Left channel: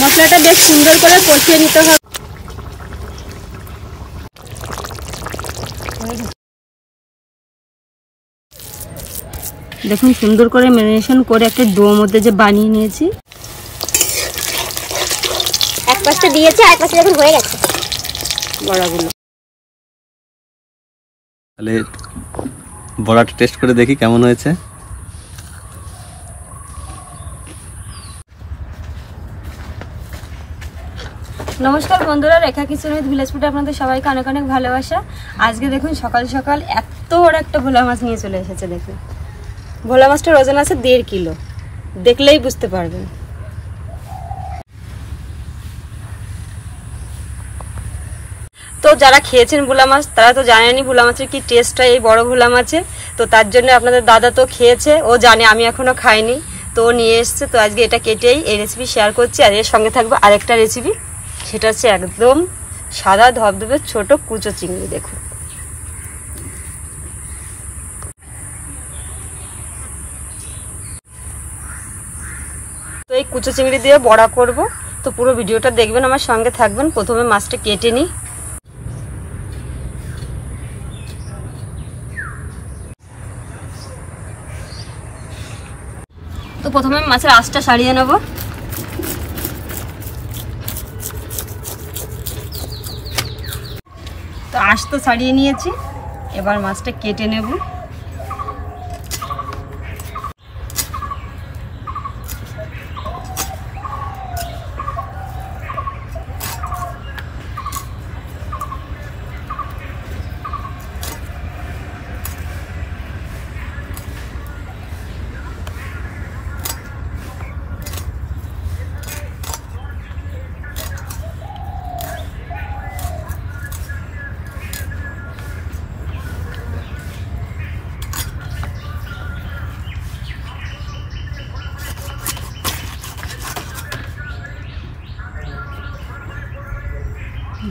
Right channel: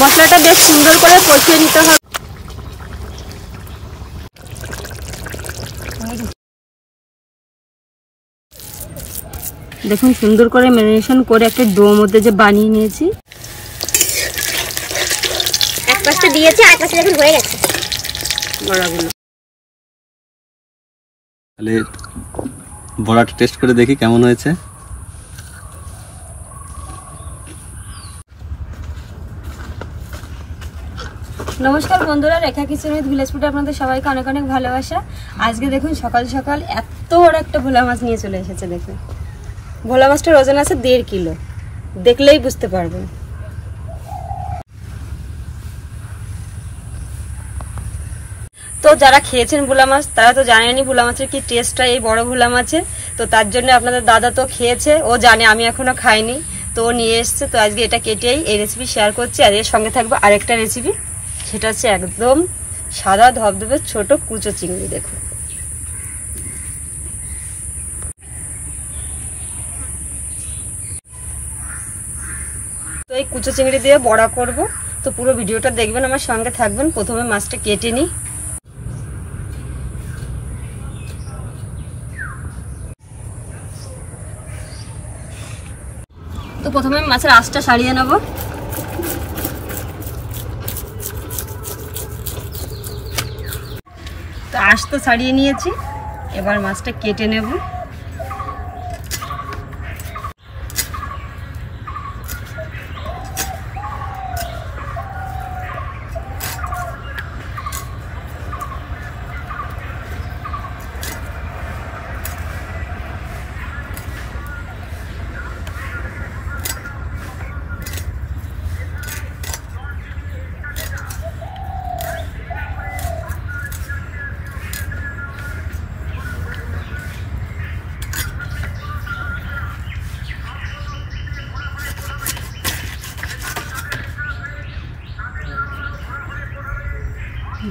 মশলাটা বেশ সুন্দর করে কষিয়ে নিতে হবে। দেখুন সুন্দর করে ম্যারিনেশন করে একটা ডো মধ্যে যে বানিয়ে নিয়েছি। এক পাশটা দিয়েছি আর এক পাশটা দেখুন হয়ে গেছে বড়াগুলো। তাহলে বড়াটা টেস্ট করে দেখি কেমন হয়েছে। নমস্কার বন্ধুরা, রেখা কিচেন উইথ ভিলেজ ফুডে আপনাদের সবাইকে অনেক অনেক ভালোবাসা। আজকে দেখুন সকাল সকাল এত বড় একটা ভোলা মাছ নিয়ে চলে এসেছে। দেখুন ভোলা মাছটার ওজন আছে 1.5 কিলো, দেখলেই বুঝতে পারবেন। তো যারা খেয়েছেন ভোলা মাছ তারা তো জানেনই ভোলা মাছের কি টেস্টটা এই বড় ভোলা মাছে। তো তার জন্য আপনাদের দাদা তো খেয়েছে, ও জানে, আমি এখনো খাইনি, তো ও নিয়ে এসছে। তো আজকে এটা কেটেই এই রেসিপি শেয়ার করছি। আর এর সঙ্গে থাকবে আরেকটা রেসিপি, সেটা হচ্ছে একদম সাদা ধবধবে ছোট কুচো চিংড়ি। দেখুন তো এই কুচো চিংড়ি দিয়ে বড়া করব। তো পুরো ভিডিওটা দেখবেন, আমার সঙ্গে থাকবেন। প্রথমে মাছটা কেটে নিই। তো প্রথমে মাছের আঁশটা ছাড়িয়ে নেব। তো আঁশ তো ছাড়িয়ে নিয়েছি, এবার মাছটা কেটে নেব।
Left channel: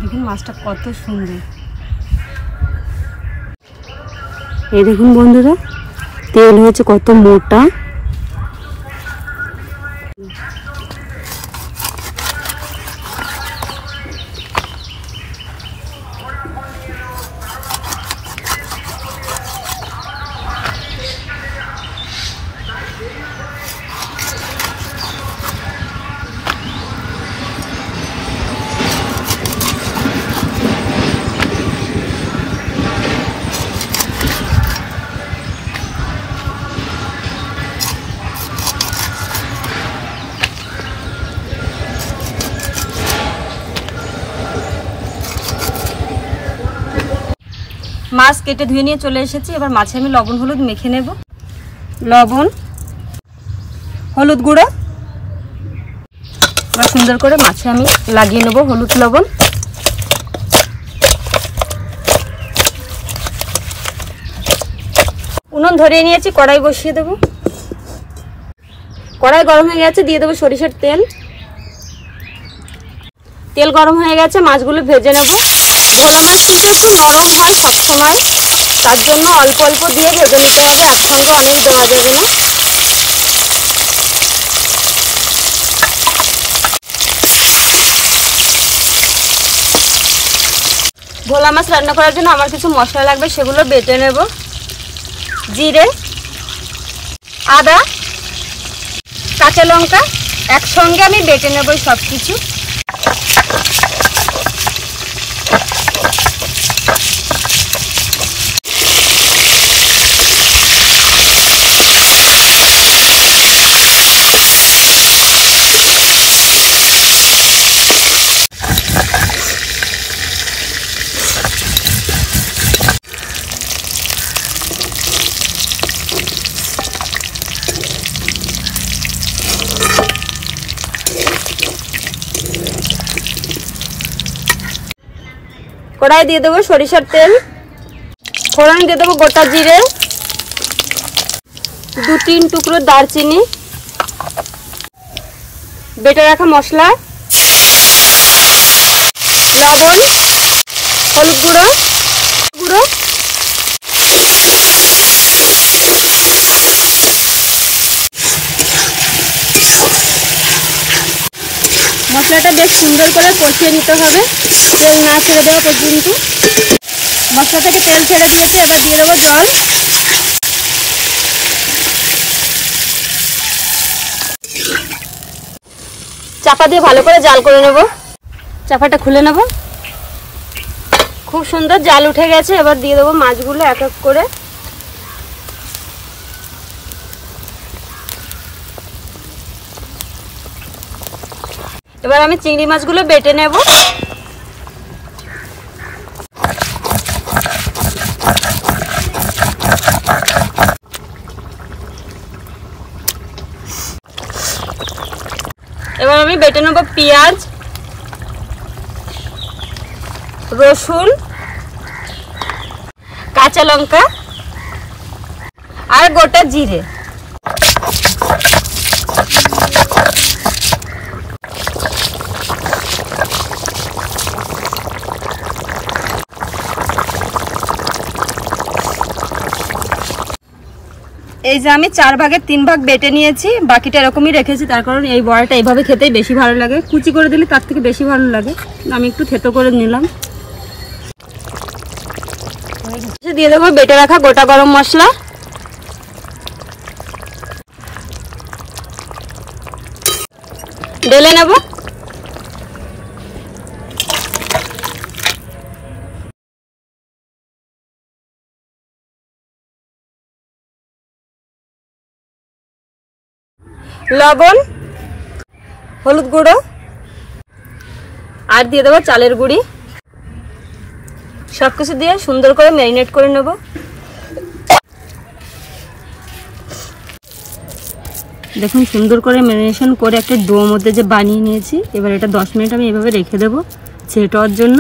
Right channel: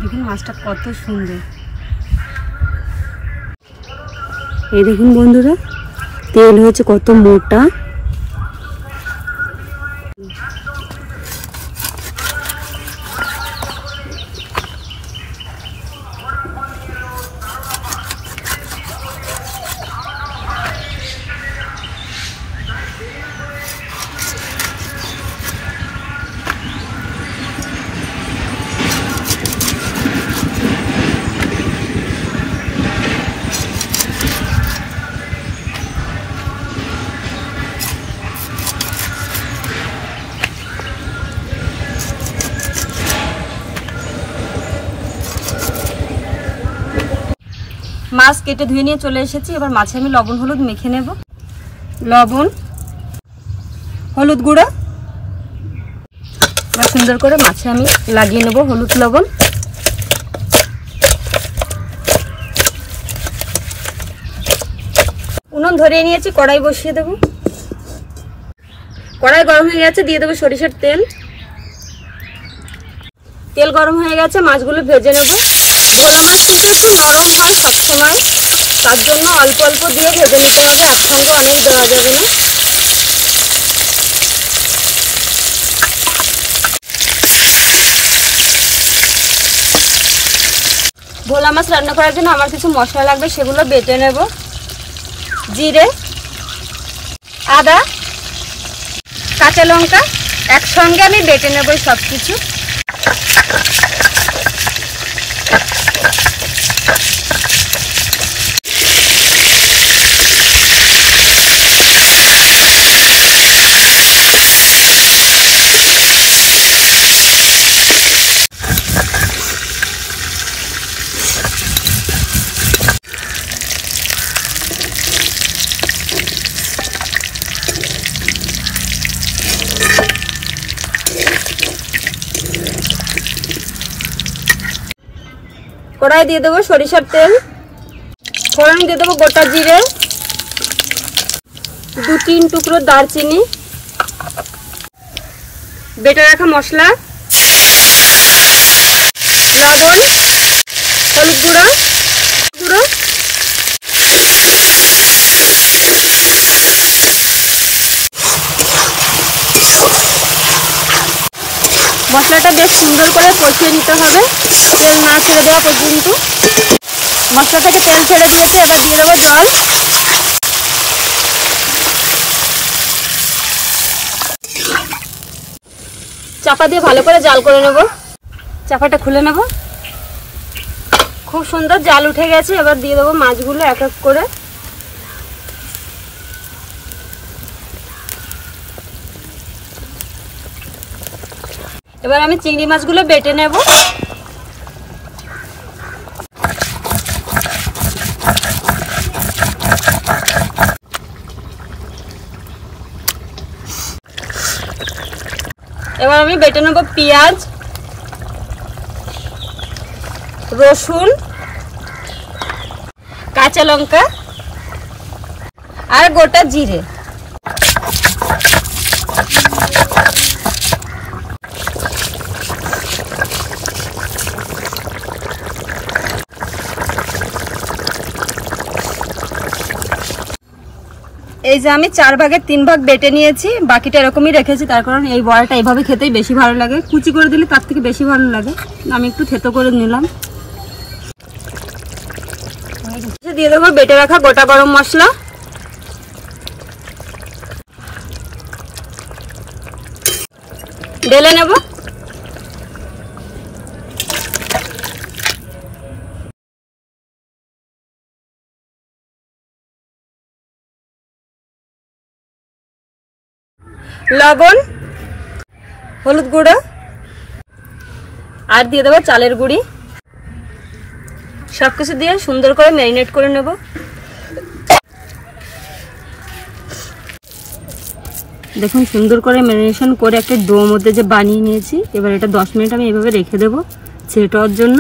দেখুন মাছটা কত সুন্দর। এই দেখুন বন্ধুরা, তেল হয়েছে কত মোটা। মাছ কেটে ধুয়ে নিয়ে চলে এসেছি। এবার মাছে আমি লবণ হলুদ মেখে নেব। লবণ, হলুদ গুঁড়ো, এবার সুন্দর করে মাছে আমি লাগিয়ে নেব হলুদ লবণ। উনুন ধরিয়ে নিয়েছি, কড়াই বসিয়ে দেব। কড়াই গরম হয়ে গেছে, দিয়ে দেবো সরিষার তেল। তেল গরম হয়ে গেছে, মাছগুলো ভেজে নেব। ভোলা মাছ কিন্তু একটু নরম হয় সবসময়, তার জন্য অল্প অল্প দিয়ে ভেজে নিতে হবে, একসঙ্গে অনেক দেওয়া যাবে না। ভোলা মাছ রান্না করার জন্য আমার কিছু মশলা লাগবে, সেগুলো বেটে নেব। জিরে, আদা, কাঁচা লঙ্কা একসঙ্গে আমি বেটে নেব সব কিছু। কড়াই দিয়ে দেবো সরিষার তেল, ফোড়ন দিয়ে দেবো গোটা জিরে, 2-3 টুকরো দারচিনি, বেটে রাখা মশলা, লবণ, হলুদ গুঁড়ো, মশলাটা বেশ সুন্দর করে কষিয়ে নিতে হবে, তেল না ছেড়ে দেওয়া পর্যন্ত। মশলা থেকে তেল ছেড়ে দিয়েছে, এবার দিয়ে দেবো জল। চাপা দিয়ে ভালো করে জাল করে নেব। চাপাটা খুলে নেব। খুব সুন্দর জাল উঠে গেছে। এবার দিয়ে দেবো মাছগুলো এক এক করে। এবার আমি চিংড়ি মাছগুলো বেটে নেব। এবার আমি বেটে নেব পেঁয়াজ, রসুন, কাঁচা লঙ্কা আর গোটা জিরে। এই যে আমি 4 ভাগের 3 ভাগ বেটে নিয়েছি, বাকিটা এরকমই রেখেছি। তার কারণ এই বড়াটা এইভাবে খেতেই বেশি ভালো লাগে, কুচি করে দিলে তার থেকে বেশি ভালো লাগে। আমি একটু থেতো করে নিলাম। দিয়ে দেবো বেটে রাখা গোটা গরম মশলা, ঢেলে নেব। লবণ, হলুদ গুঁড়ো আর দিয়ে দেবো চালের গুঁড়ি। সবকিছু দিয়ে সুন্দর করে ম্যারিনেট করে নেব। দেখুন সুন্দর করে ম্যারিনেশন করে একটা ডো মধ্যে যে বানিয়ে নিয়েছি। এবার এটা 10 মিনিট আমি এভাবে রেখে দেবো সেট হওয়ার জন্য।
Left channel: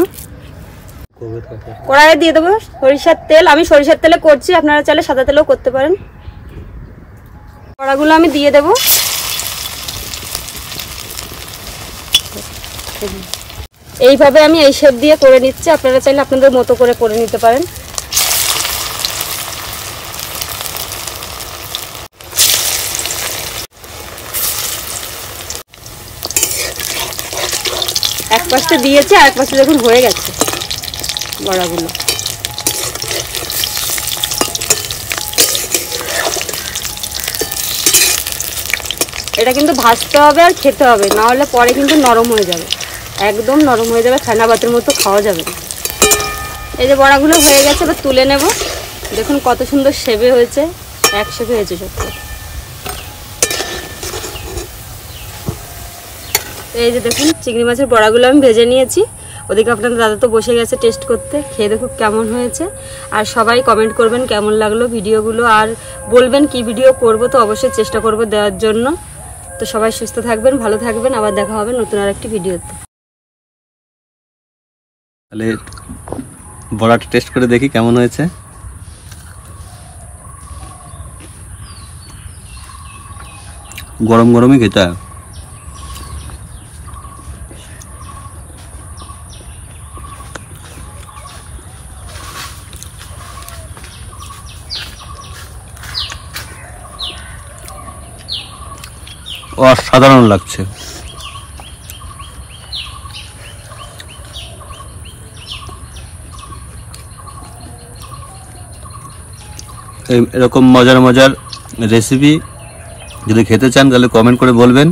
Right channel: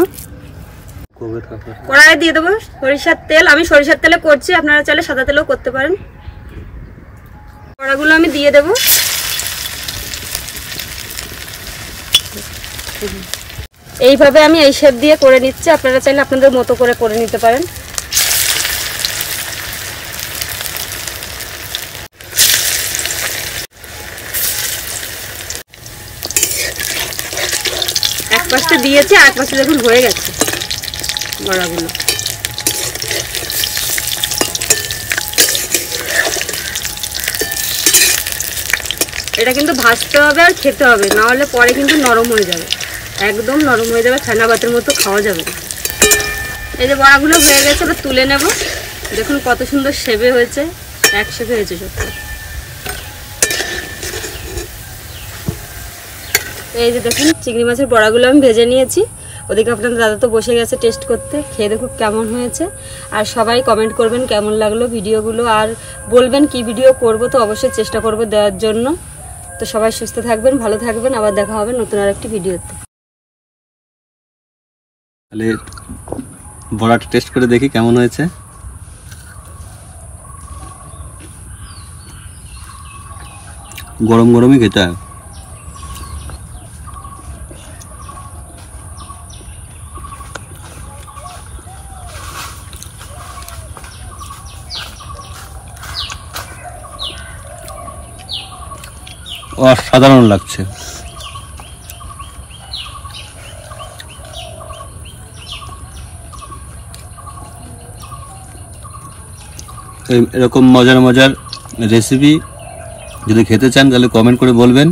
কড়াইয়ে দিয়ে দেবো সরিষার তেল। আমি সরিষার তেলে করছি, আপনারা চাইলে সাদা তেলেও করতে পারেন। কড়াগুলো আমি দিয়ে দেবো। এইভাবে আমি এই শেপ দিয়ে করে নিচ্ছি, আপনারা চাইলে আপনাদের মতো করে নিতে পারেন। এক পাশটা দিয়েছি আর এক পাশে দেখুন হয়ে গেছে বড়াগুলো। এটা কিন্তু ভাজতে হবে আর খেতে হবে, না হলে পরে কিন্তু নরম হয়ে যাবে, একদম নরম হয়ে যাবে, ছানা ভাতের মতো খাওয়া যাবে না। এই যে বড়াগুলো হয়ে গেছে, এবার তুলে নেব। দেখুন কত সুন্দর শেপে হয়েছে, এক শেপে হয়েছে সবটা। এই যে দেখুন চিংড়ি মাছের বড়াগুলো আমি ভেজে নিয়েছি। ওদিকে আপনাদের দাদা তো বসে গেছে টেস্ট করতে, খেয়ে দেখুন কেমন হয়েছে। আর সবাই কমেন্ট করবেন কেমন লাগলো ভিডিওগুলো, আর বলবেন কি ভিডিও করব, তো অবশ্যই চেষ্টা করব দেওয়ার জন্য। তো সবাই সুস্থ থাকবেন, ভালো থাকবেন, আবার দেখা হবে নতুন আর একটি ভিডিওতে। তাহলে বড়াটা টেস্ট করে দেখি কেমন হয়েছে। গরম গরমই খেতে হয়। অসাধারণ লাগছে। এরকম মজার মজার রেসিপি যদি খেতে চান তাহলে কমেন্ট করে বলবেন।